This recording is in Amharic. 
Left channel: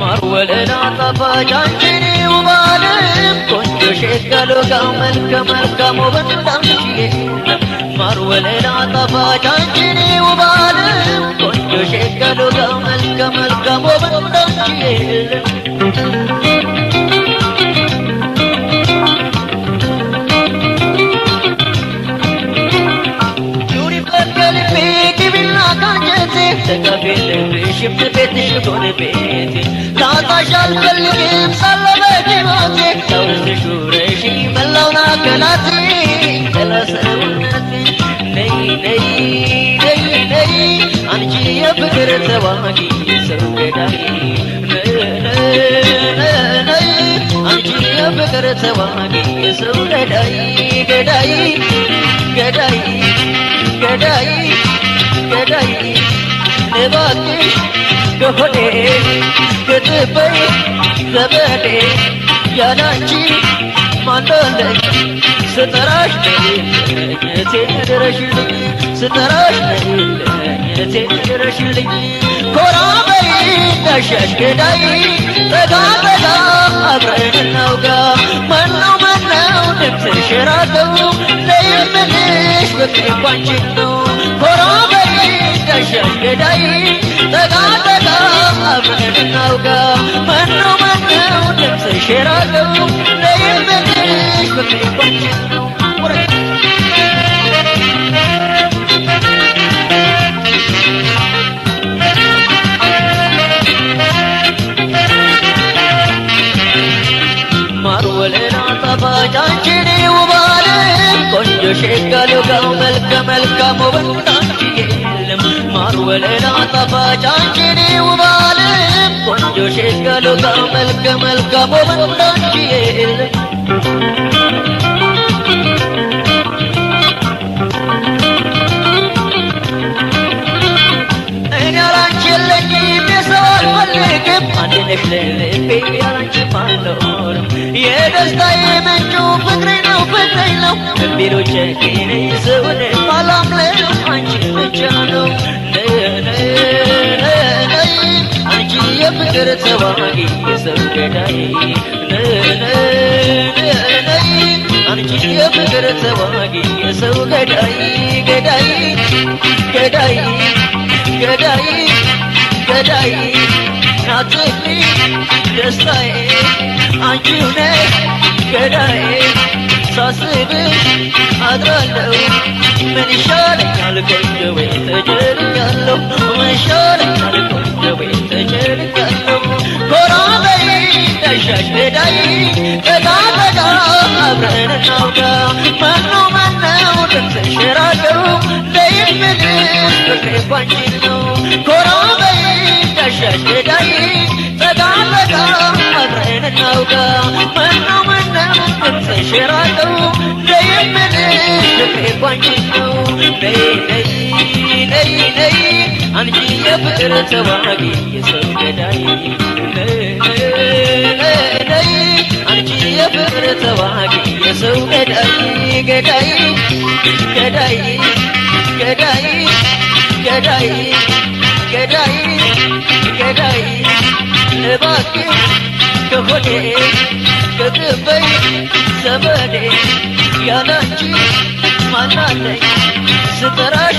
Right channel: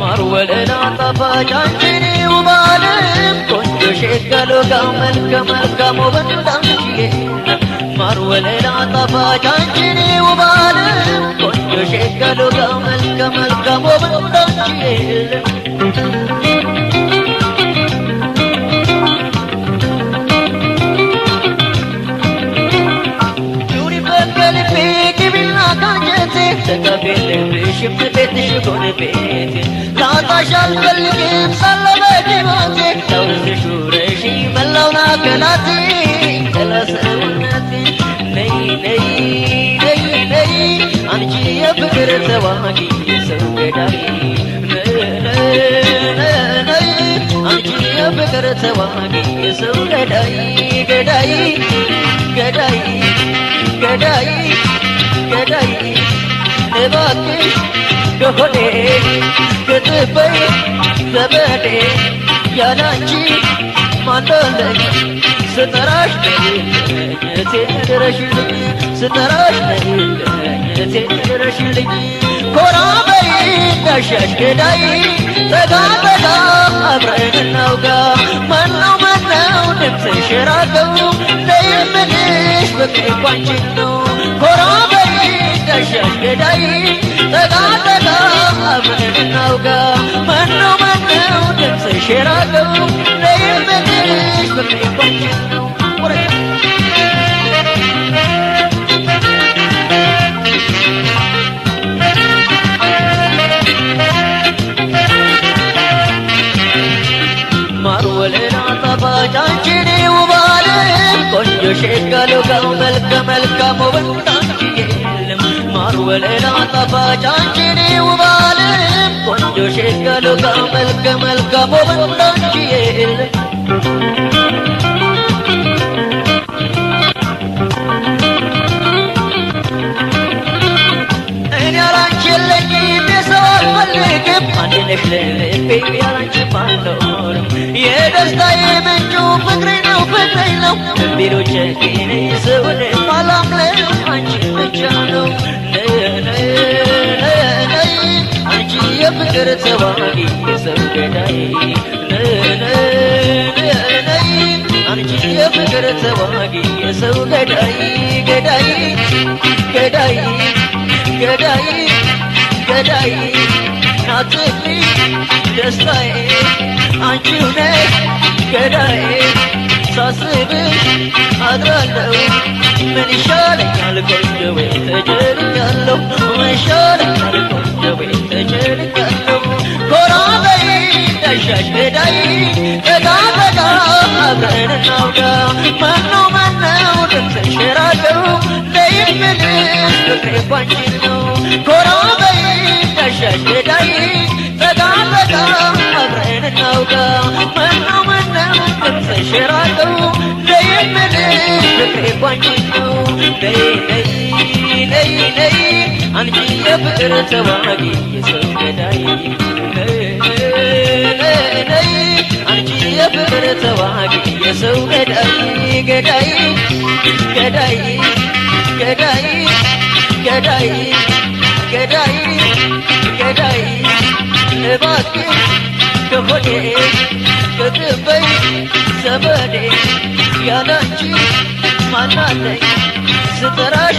ማርወለላ ጣፋጫንቺን ውባለም ቆንጆ ሸጋሎ ጋው መልከ ወንዳንቺ ማርወለላ ጣፋጫንቺን ውባለም ቆንጆ ሸጋሎ ጋው መልከ ወንዳንቺ ተቀበልሽ ቤትሽ ጎን ቤቴ ላጣሻል ፈልግም ሳለበጅ ሆቴ ተውስሽ ውረሽ መላውና ከናቴ ከለሰውነቴ ነይ ነይ ነይ ነይ አንቺ የፍቅር ተዋጊ ሰው ገዳይ ነይ አንቺ የፍቅር ተዋጊ ሰው ገዳይ ገዳይ ገዳይ ገዳይ ገዳይ እባክሽ ከሆዴ ከጥበይ ዘመዴ ያላንቺ ማንዶለኝ ስጠራሽ ነይልኝ ድረሽልኝ ስጠራሽ ነይልኝ ድረሽልኝ ኮራ በይ እንዳሻሽ ገዳይ ጠጋ ጠጋ አብረን እናውጋ ማነው ድምፅሽ ራቀው ነይልምንሽ ፍቅር ባንቺን ነው ኮራ በይ እንዳሻሽ ገዳይ ጠጋ ጠጋ አብረን እናውጋ ማነው ድምፅሽ ራቀው ነይልምንሽ ፍቅር ባንቺን ነው ማርወለላ ጣፋጫንቺን ውባለም ቆንጆ ሸጋሎ ጋው መልከ ወንዳንቺ የለም ማርወለላ ጣፋጫንቺን ውባለም ቆንጆ ሸጋሎ ጋው መልከ ወንዳንቺ የለም እኔ ያላንቺ የለኝም የሰው አልፈልግም አንድ ነሽ ለልቤ ያላንቺ አልኖርም የደስታዬ ምንጩ ፍቅሬ ነው ቢሎች ኬኔ ሰውን ማላምለው አንቺ ብቻ ነው አንቺ የፍቅር ተዋጊ የሰው ገዳይ አንቺ የፍቅር ተዋጊ የሰው ገዳይ ገዳይ ገዳይ ገዳይ ገዳይ ናትፍሪ ደስታዬ አንቺው ነሽ ገዳዬ ሳስብሽ አድራለሁ ምን ይሻለኛል ቆንጆዬ ተጨንቄያለሁ ምን ይሻለኛል ቆንጆዬ ተጨንቄያለሁ ኮራ በይ እንዳሻሽ ገዳይ ጠጋ ጠጋ አብረን እናውጋ ማነው ድምፅሽ ራቀው ነይልምንሽ ፍቅሬ ባንቺን ነው ኮራ በይ እንዳሻሽ ገዳይ ጠጋ ጠጋ አብረን እናውጋ ማነው ድምፅሽ ራቀው ነይልምንሽ ፍቅሬ ባንቺን ነው ነይ ነይ ነይ አንቺ የፍቅር ተዋጊ የሰው ገዳይ ነይ አንቺ የፍቅር ተዋጊ የሰው ገዳይ ገዳይ ገዳይ ገዳይ ገዳይ ገዳይ ገዳይ እባክሽ ከሆዴ ከጥበይ ዘመዴ ያላንቺ ማናለኝ ስጠራሽ